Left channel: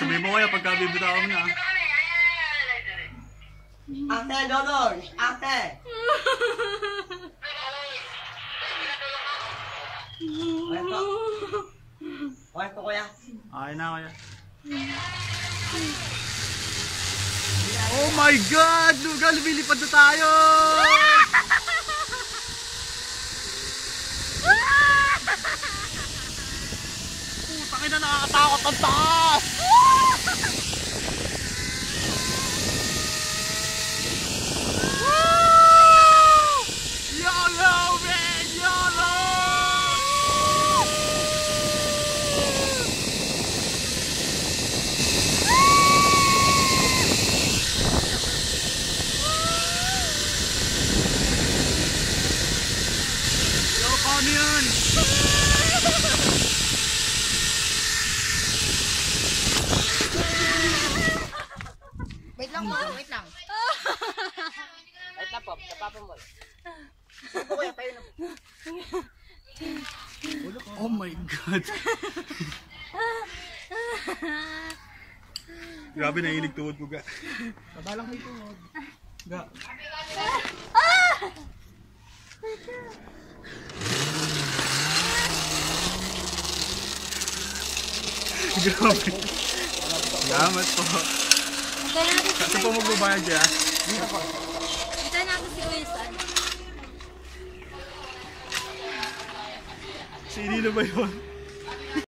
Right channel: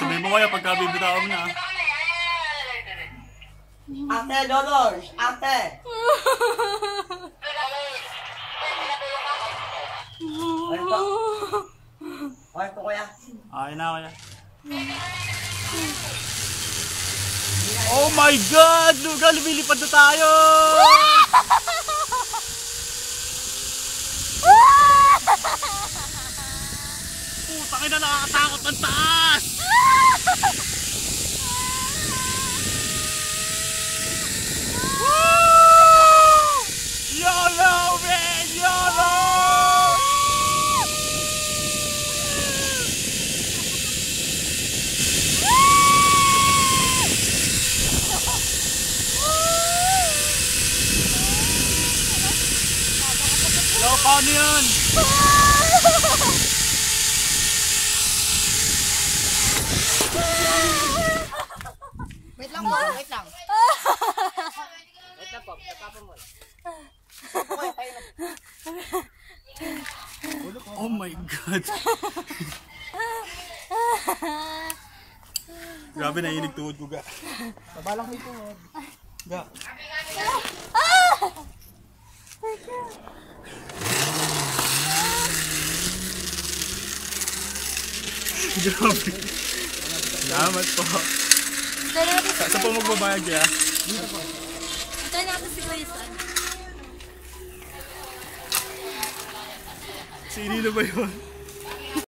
Sabihin mo kaya pagka bibitawan mo na. Ate, Dolores! Ate! Okay po. Okay po, kuya. Okay na, kuya. Oh my God! Luga, lumilipad na tayo! Putang ina, nakakatakot ang taas! YOLO, man! YOLO! Yo, paano yan? Wait lang po, wait lang. Wait na po, tapapa mo. Oh my God! Grabe, naiinig tuhod ko, ga. Babalang may tuhod. Ga. Grabe. Salamat po. Ito natin si Saan po magbabayad kaya? Ito natin si Grace. Sino na ba yun?